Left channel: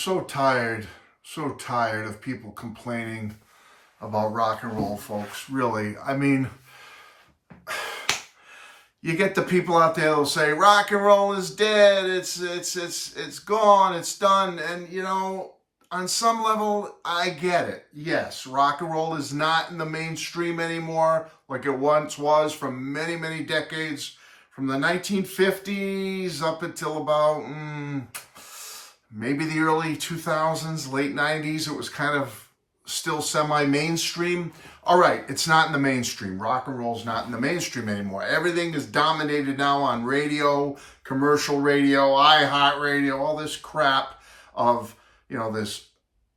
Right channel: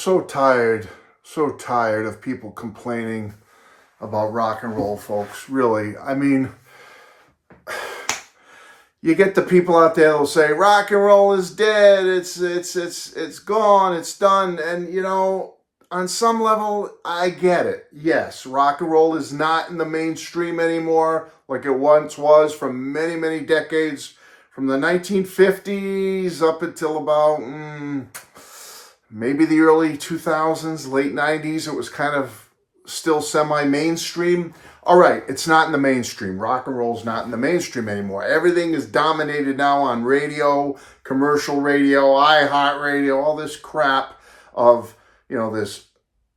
so tired of people complaining about rock and roll, folks. Really, I mean, you get the people out there that'll say rock and roll is dead. It's gone. It's done. And on some level, I get it. Yes, rock and roll is not in the mainstream anymore like it once was for many, many decades, from the 1950s up until about maybe the early 2000s, late 90s. It was kind of still semi-mainstream. All right, it's not in the mainstream. Rock and roll's not in the mainstream anymore. Everything is dominated now on radio, commercial radio, iHeartRadio, all this crap of, this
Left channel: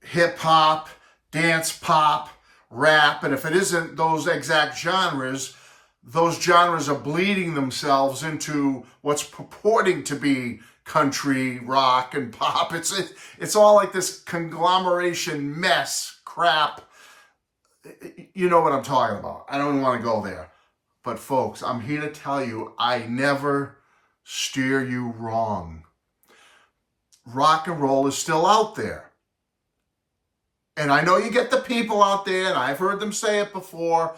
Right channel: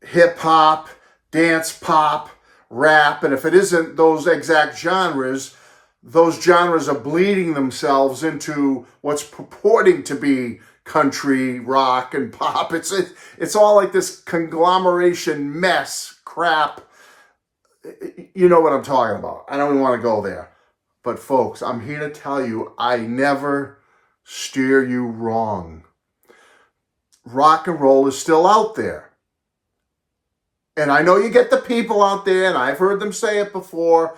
hip-hop, dance pop, rap. And if it isn't those exact genres, those genres are bleeding themselves into what's purporting to be country, rock, and pop. It's all like this conglomeration mess crap. You know what I'm talking about. I don't even want to go there. But folks, I'm here to tell you, I never steer you wrong. Rock and roll is still out there. And I know you get the people out there, and I've heard them say it before.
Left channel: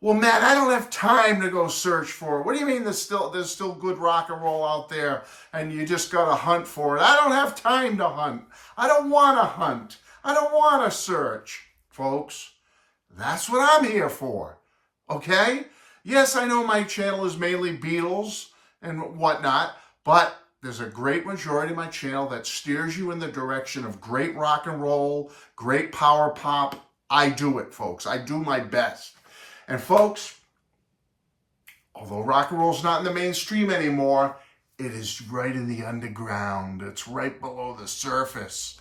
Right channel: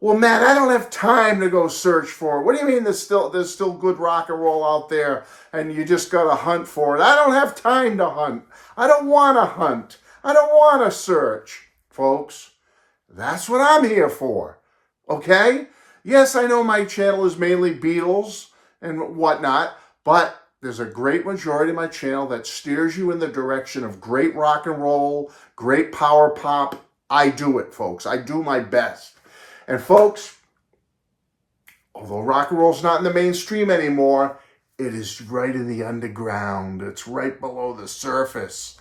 Well, Matt, I don't have time to go search for it. What do you mean there's still good rock and roll out there and you just got to hunt for it? I don't have time to hunt. I don't want to hunt. I don't want to search. Folks, that's what I'm here for, okay? Yes, I know my channel is mainly Beatles and whatnot, but there's a great majority of my channel that steers you in the direction of great rock and roll, great power pop. I do it, folks. I do my best. And folks, although rock and roll's not in the mainstream anymore, it is right in the underground. It's right below the surface.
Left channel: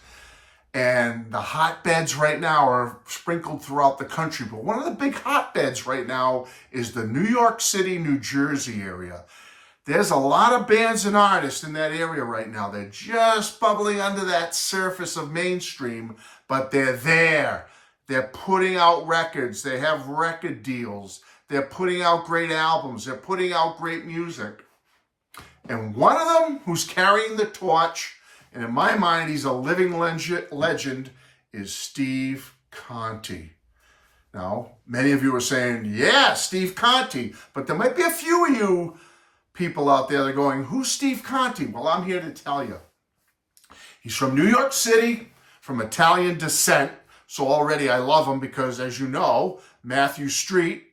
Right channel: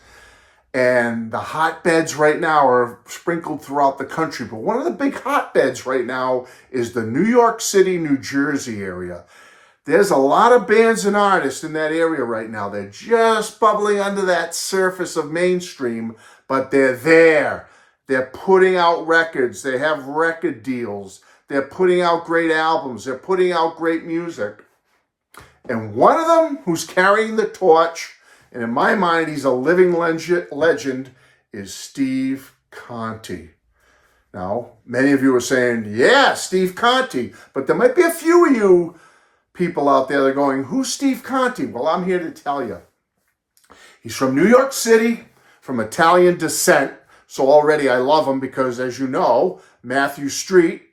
And the hotbeds right now are sprinkled throughout the country. But one of the big hotbeds right now is the New York City, New Jersey area. There's a lot of bands and artists in that area right now. They're just bubbling under that surface of mainstream, but they're there. They're putting out records. They have record deals. They're putting out great albums. They're putting out great music. And one of them who's carrying the torch, and in my mind, he's a living legend, is Steve Conte. Now, many of you are saying, yeah, Steve Conte. But there might be a few of you people out there that are going, who's Steve Conte? Well, I'm here to tell you. He's from New York City, from Italian descent. So already I love him because, as you know, Matthew Street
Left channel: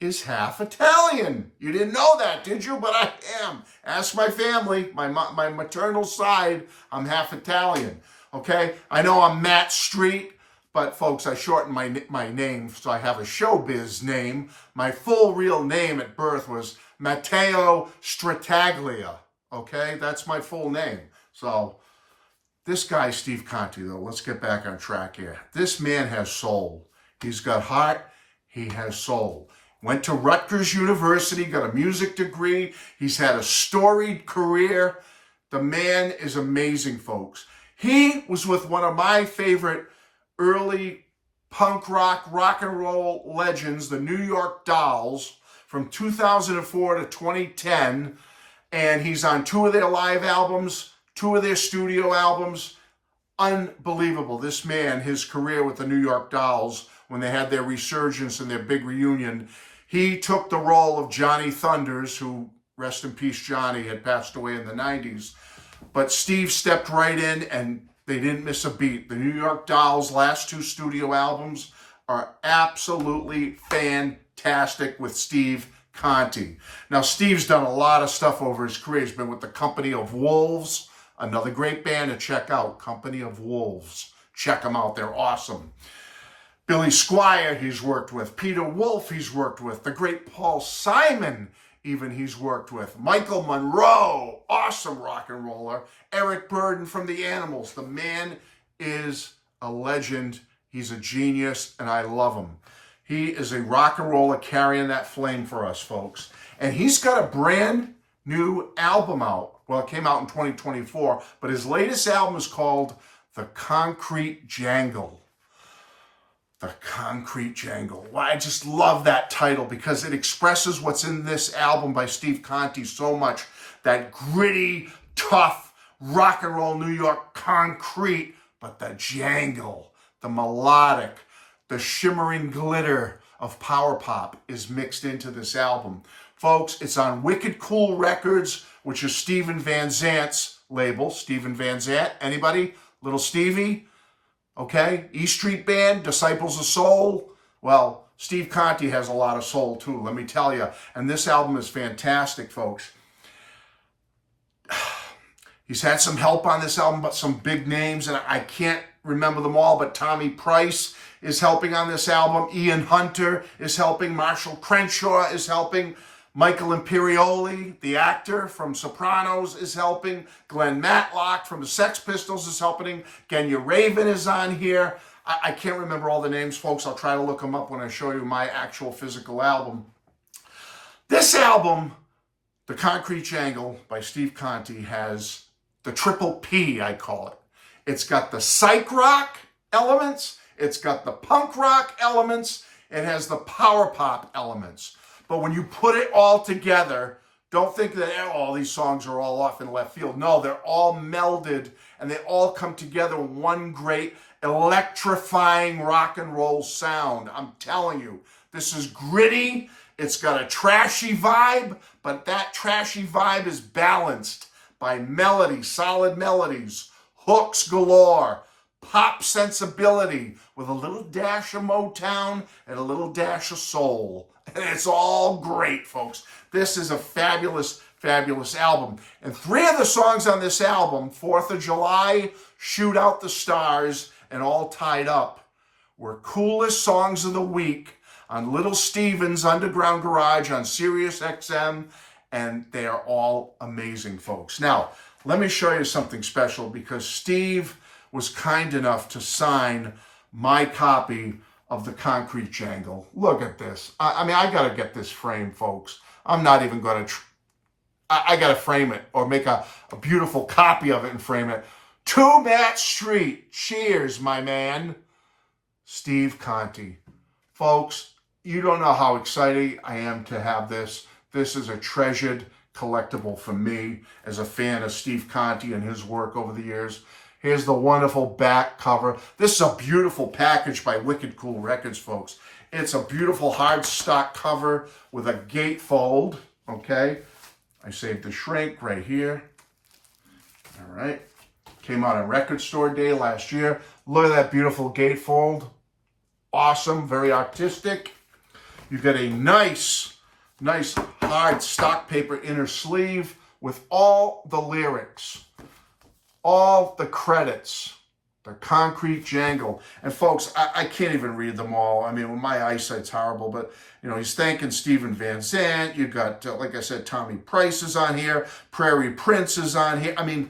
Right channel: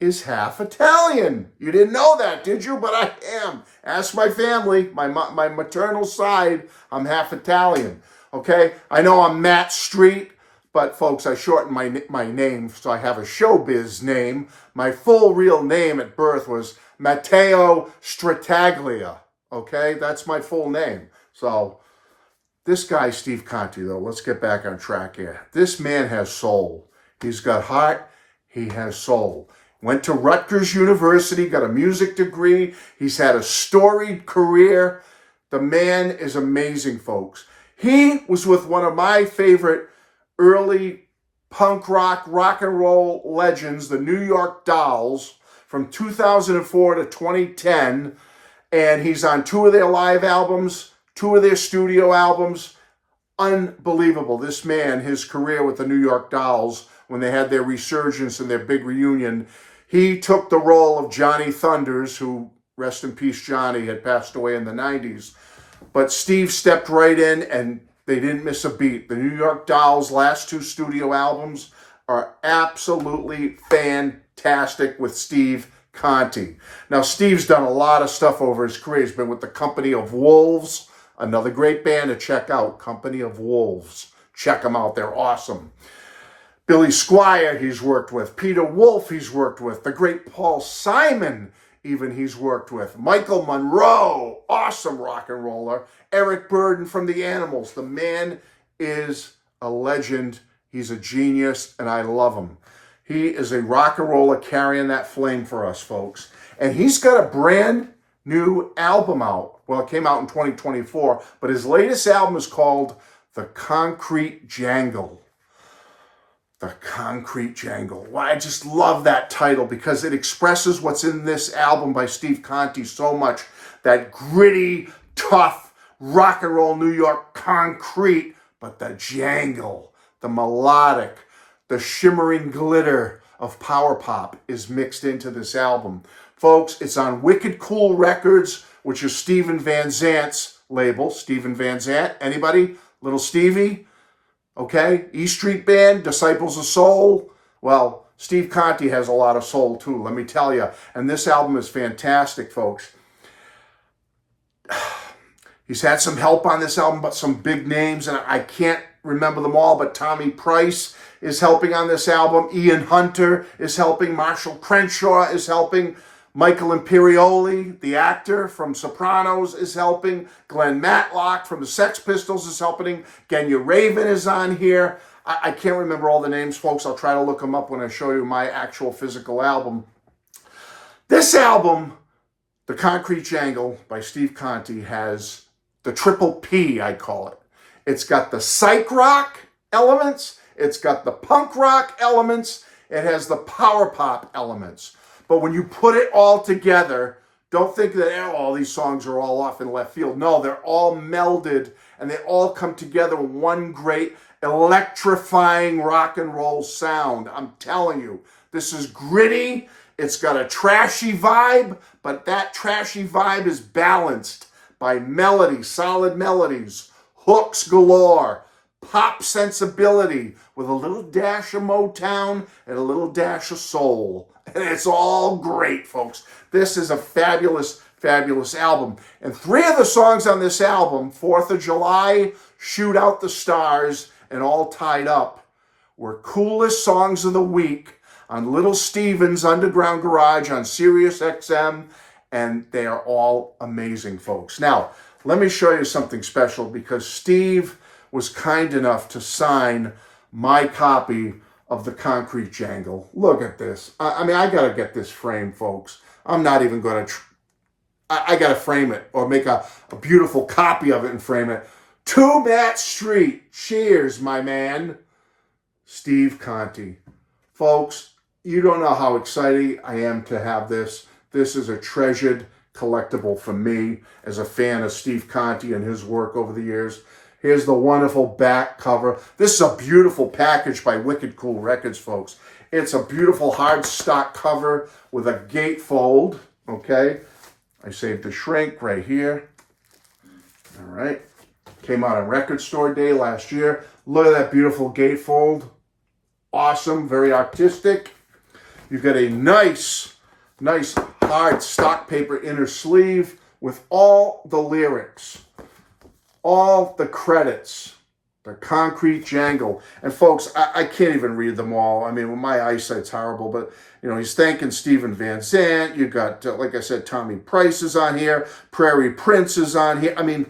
is half Italian. You didn't know that, did you? But I am. Ask my family, my maternal side, I'm half Italian. Okay? I know I'm Matt Street, but folks, I shortened my name, so I have a showbiz name. My full real name at birth was Matteo Strataglia. Okay? That's my full name. So this guy, Steve Conte, though, let's get back on track here. This man has soul. He's got heart. He has soul. Went to Rutgers University, got a music degree. He's had a storied career. The man is amazing, folks. He was with one of my favorite early punk rock and roll legends, the New York Dolls, from 2004 to 2010. And he's on 2 of their live albums, 2 of their studio albums. Unbelievable. This man, his career with the New York Dolls, when they had their resurgence and their big reunion, he took the role of Johnny Thunders, who, rest in peace, Johnny, had passed away in the 90s. But Steve stepped right in, and they didn't miss a beat. The New York Dolls' last 2 studio albums are absolutely fantastic with Steve Conte. Now, Steve's done a lot of stuff over his career. He's been with the Company of Wolves, another great band to check out, Company of Wolves. Check them out. They're awesome. Billy Squier he's worked with. Peter Wolf he's worked with. The great Paul Simon even he's worked with. Michael Monroe, awesome rock and roller. Eric Burden from the Animals. The man is a legend. He's a genius, and I love him. He is a rock and roller carrying that flame for us, folks. And he's got a brand new album out. Well, it came out in 2024, but his latest album is called The Concrete Jangle. The Concrete Jangle. Well, I just love that title because it expresses what's in this album by Steve Conte so much. That gritty, tough, rock and roll New York concrete, but the jangle, the melodic, the shimmering glitter of power pop is mixed into this album. Folks, it's on Wicked Cool Records, which is Steven Van Zant's label. Steven Van Zant, anybody? Little Stevie? Okay, E Street Band, Disciples of Soul. Well, Steve Conte has a lot of soul too, let me tell you. And this album is fantastic, folks. He's had some help on this album, but some big names, and I can't remember them all, but Tommy Price is helping on this album. Ian Hunter is helping. Marshall Crenshaw is helping. Michael Imperioli, the actor from Sopranos, is helping. Glenn Matlock from the Sex Pistols is helping. Genya Raven is on here. I can't remember all the names, folks. I'll try to look them up when I show you my actual physical album. This album, The Concrete Jangle by Steve Conte, has the triple P, I call it. It's got the psych rock elements. It's got the punk rock elements. It has the power pop elements. But when you put it all together, don't think that all these songs are all off in left field. No, they're all melded and they all come together in one great electrifying rock and roll sound. I'm telling you, this is gritty. It's got a trashy vibe, but that trashy vibe is balanced by melody, solid melodies, hooks galore, pop sensibility with a little dash of Motown and a little dash of soul. And it's all great, folks. This is a fabulous, fabulous album. And 3 of the songs on this album, 4th of July, Shoot Out the Stars, and All Tied Up, were coolest songs of the week on Little Steven's Underground Garage on Sirius XM, and they are all amazing, folks. Now, let me show you something special because Steve was kind enough to sign my copy of The Concrete Jangle. Look at this. I mean, I got to get this framed, folks. I'm not even going to... I got to frame it or make a beautiful copy of it and frame it. To Matt Street. Cheers, my man. Steve Conte. Folks, you don't know how excited I am to have this. This is a treasured collectible for me as a fan of Steve Conte and his work over the years. Here's the wonderful back cover. This is a beautiful package by Wicked Cool Records, folks. It's a beautiful hard stock cover with a gatefold, okay? I saved the shrink right here. All right. Came out on Record Store Day last year. Look at that beautiful gatefold. Awesome, very artistic. You've got a nice hard stock paper inner sleeve with all the lyrics, all the credits, The Concrete Jangle. And folks, I can't even read them all. I mean, well, my eyesight's horrible, but you know, he's thanking Steven Van Zant. You got, like I said, Tommy Price is on here. Prairie Prince is on here. I mean,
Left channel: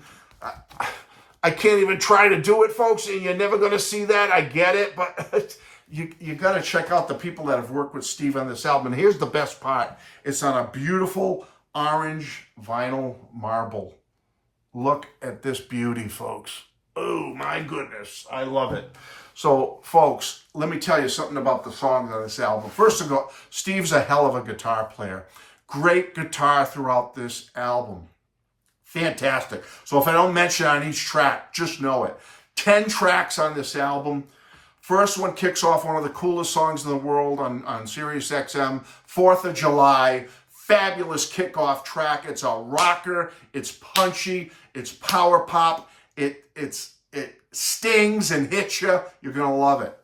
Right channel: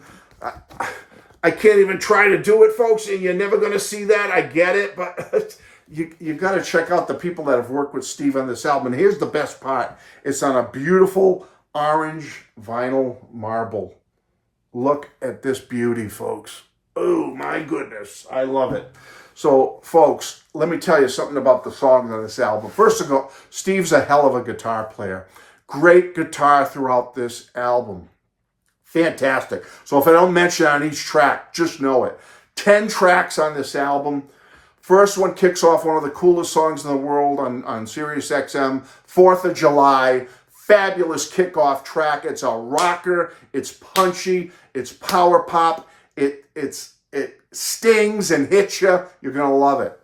I can't even try to do it, folks. And you're never going to see that. I get it, but you got to check out the people that have worked with Steve on this album. And here's the best part. It's on a beautiful orange vinyl marble. Look at this beauty, folks. Oh, my goodness. I love it. So, folks, let me tell you something about the songs on this album. First of all, Steve's a hell of a guitar player. Great guitar throughout this album. Fantastic. So if I don't mention on each track, just know it. 10 tracks on this album. First one kicks off one of the coolest songs in the world on Sirius XM, 4th of July. Fabulous kickoff track. It's a rocker. It's punchy. It's power pop. It stings and hits you. You're going to love it.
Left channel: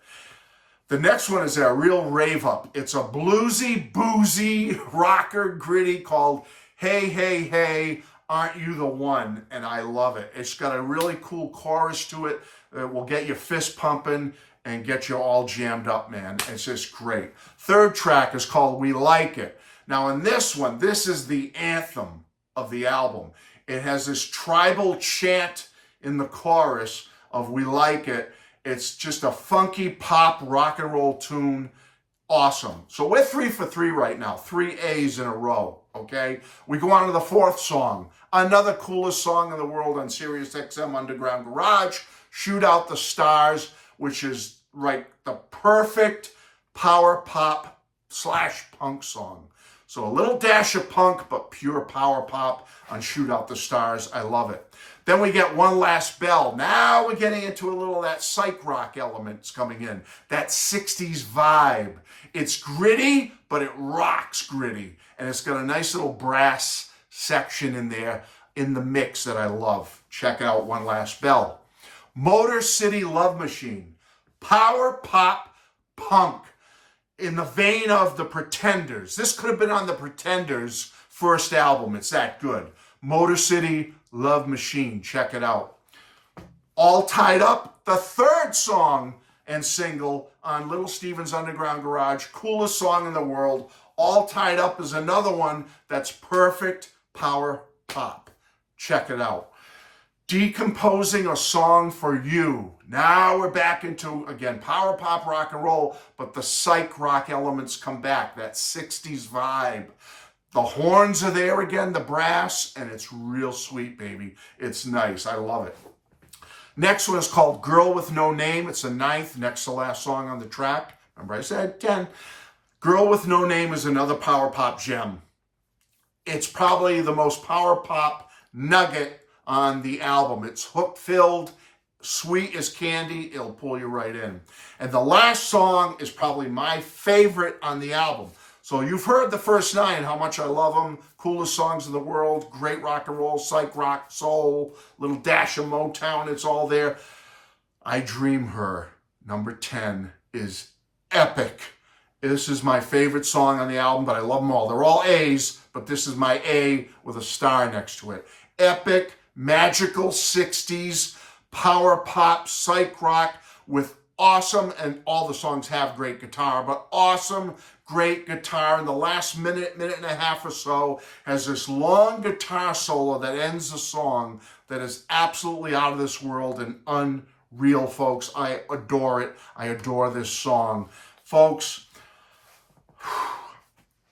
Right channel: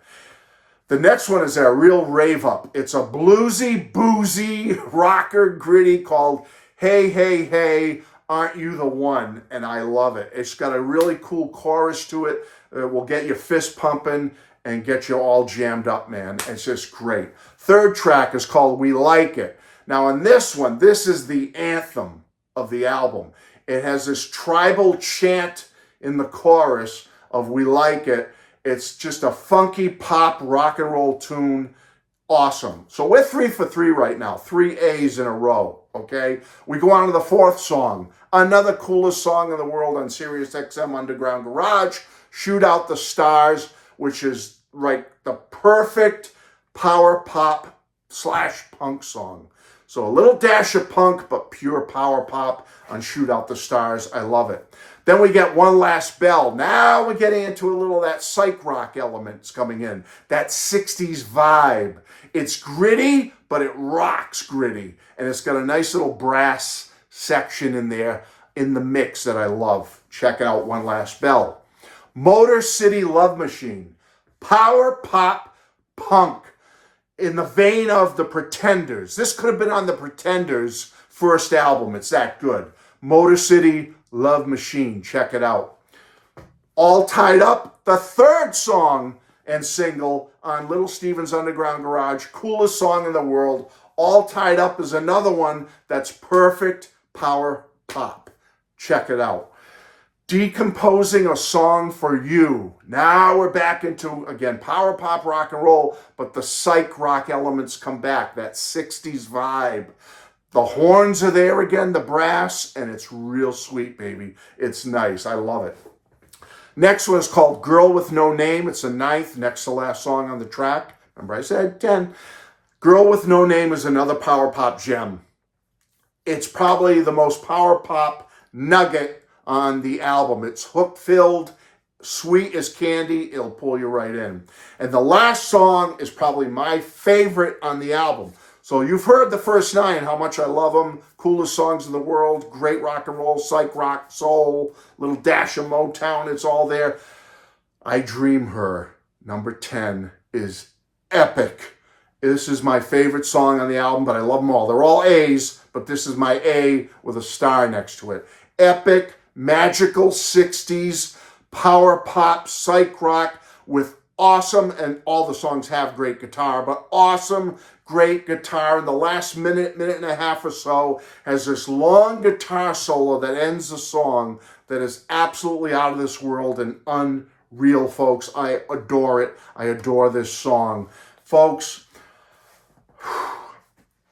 The next one is a real rave up. It's a bluesy, boozy, rocker, gritty called Hey, Hey, Hey, Aren't You the One? And I love it. It's got a really cool chorus to it. It will get you fist pumping and get you all jammed up, man. It's just great. Third track is called We Like It. Now, on this one, this is the anthem of the album. It has this tribal chant in the chorus of We Like It. It's just a funky pop rock and roll tune. Awesome. So we're 3 for 3 right now. 3 A's in a row, okay? We go on to the 4th song. Another coolest song in the world on Sirius XM Underground Garage, Shoot Out the Stars, which is like the perfect power pop / punk song. So a little dash of punk, but pure power pop on Shoot Out the Stars. I love it. Then we get One Last Bell. Now we're getting into a little of that psych rock elements coming in. That 60s vibe. It's gritty, but it rocks gritty. And it's got a nice little brass section in there in the mix that I love. Check out One Last Bell. Motor City Love Machine. Power pop punk in the vein of the Pretenders. This could have been on the Pretenders' first album. It's that good. Motor City Love Machine. Check it out. All Tied Up, the third song and single on Little Steven's Underground Garage. Coolest song in the world. All Tied Up is another one that's perfect power pop. Check it out. Decomposing a Song for You. Now we're back into, again, power pop rock and roll, but the psych rock elements come back, that 60s vibe. The horns are there again, the brass, and it's real sweet, baby. It's nice. I love it. Next one is called Girl with No Name. It's the ninth, next to last song on the track. Remember I said 10. Girl with No Name is another power pop gem. It's probably the most power pop nugget on the album. It's hook-filled, sweet as candy. It'll pull you right in. And the last song is probably my favorite on the album. So you've heard the first 9, how much I love them. Coolest songs in the world, great rock and roll, psych rock, soul, little dash of Motown, it's all there. I Dream Her, number 10, is epic. This is my favorite song on the album, but I love them all. They're all A's, but this is my A with a star next to it. Epic, magical 60s, power pop, psych rock with awesome, and all the songs have great guitar, but awesome, great guitar. In the last minute and a half or so, has this long guitar solo that ends the song that is absolutely out of this world and unreal, folks. I adore it. I adore this song. Folks,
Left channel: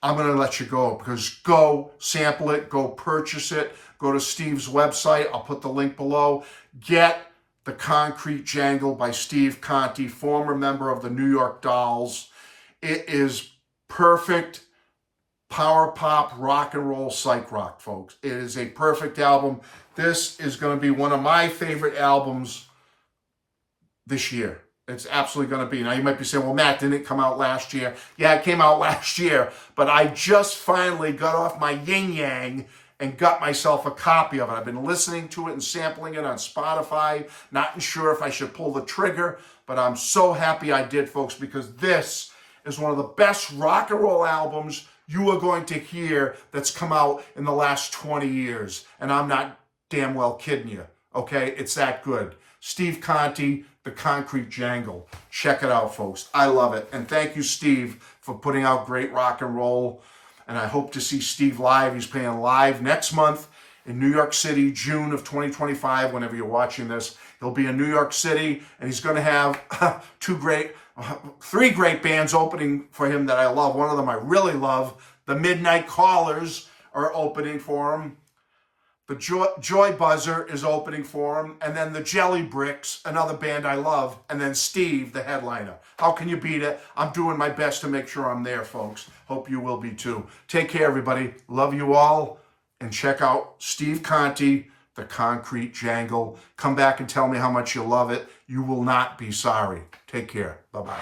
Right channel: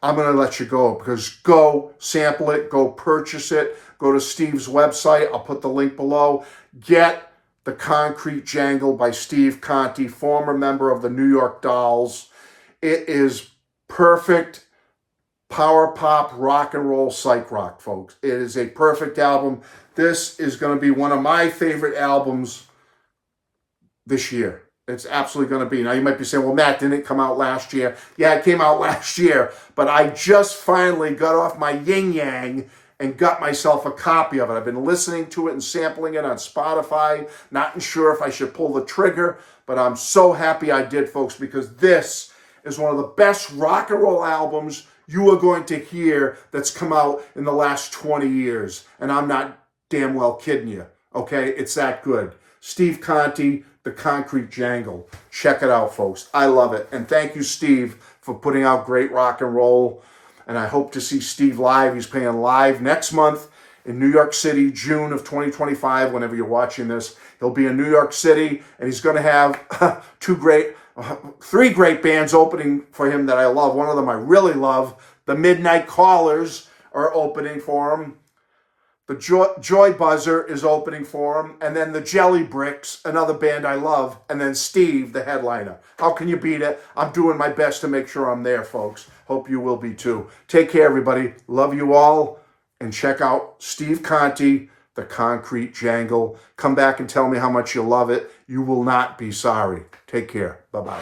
I'm going to let you go because go sample it, go purchase it, go to Steve's website. I'll put the link below. Get The Concrete Jangle by Steve Conte, former member of the New York Dolls. It is perfect power pop, rock and roll, psych rock, folks. It is a perfect album. This is going to be one of my favorite albums this year. It's absolutely going to be. Now, you might be saying, well, Matt, didn't it come out last year? Yeah, it came out last year, but I just finally got off my yin-yang and got myself a copy of it. I've been listening to it and sampling it on Spotify, not sure if I should pull the trigger, but I'm so happy I did, folks, because this is one of the best rock and roll albums you are going to hear that's come out in the last 20 years. And I'm not damn well kidding you, okay? It's that good. Steve Conte, The Concrete Jangle. Check it out, folks. I love it. And thank you, Steve, for putting out great rock and roll. And I hope to see Steve live. He's playing live next month in New York City, June of 2025, whenever you're watching this. He'll be in New York City, and he's going to have 3 great bands opening for him that I love. One of them I really love. The Midnight Callers are opening for him. The Joy Buzzer is opening for him. And then the Jelly Bricks, another band I love. And then Steve, the headliner. How can you beat it? I'm doing my best to make sure I'm there, folks. Hope you will be too. Take care, everybody. Love you all. And check out Steve Conte, The Concrete Jangle. Come back and tell me how much you love it. You will not be sorry. Take care. Bye-bye.